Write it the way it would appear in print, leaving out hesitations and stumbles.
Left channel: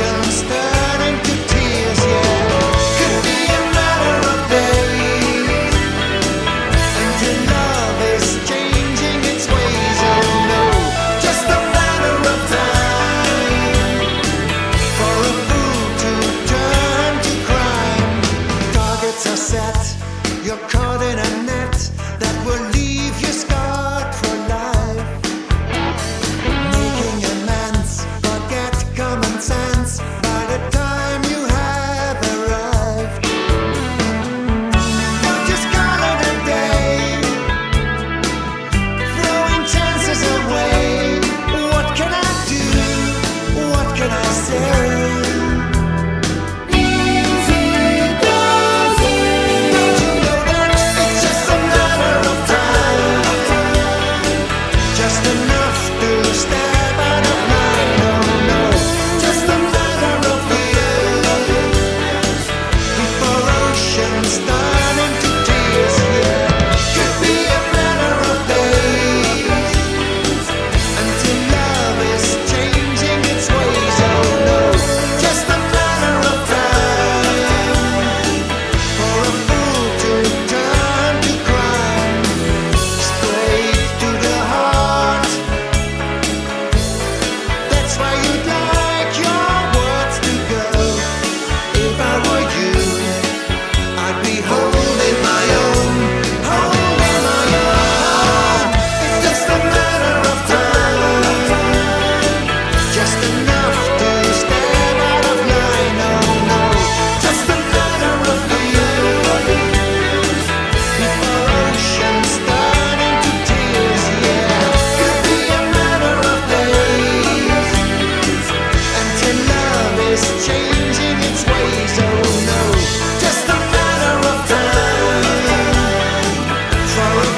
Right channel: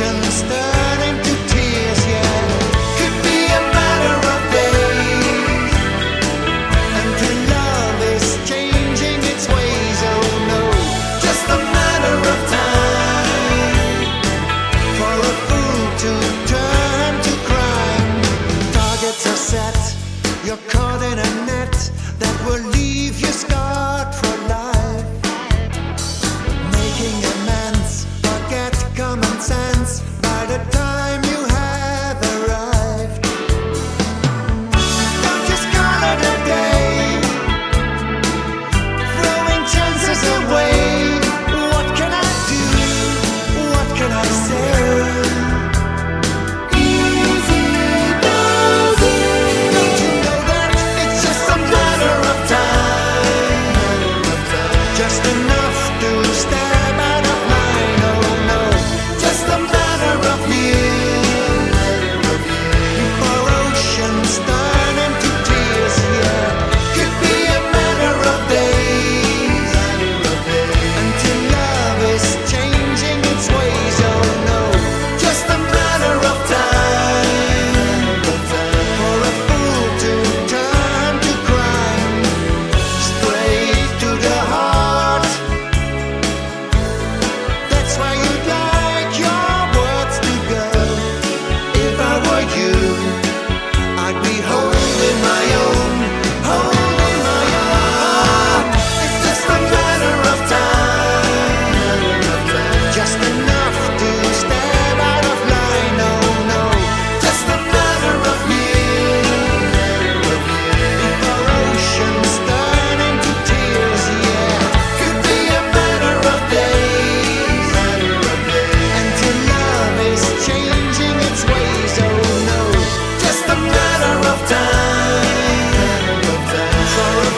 oceans turn into tears, yeah. Could be a matter of days until love is changing its ways, oh no. Just a matter of time for a fool to turn to crime. Targets are set, you're caught in a net that will leave you scarred for life. Making amends, forget common sense by the time you have arrived. Don't just call it a day, throwing chances away. What can I do? What can I say? Just enough to step out of line, oh no. Just a matter of years before oceans turn into tears, yeah. Could be a matter of days until love is changing its ways, oh no. Just a matter of time for a fool to turn to crime, straight to the heart. That's why you'd like your words to go. If I were you, I'd be holding my own, holding my own. It's just a matter of time, just enough to step out of line, oh no. Just a matter of years before oceans turn into tears, yeah. Could be a matter of days until love is changing its ways, oh no. Just a matter of time for a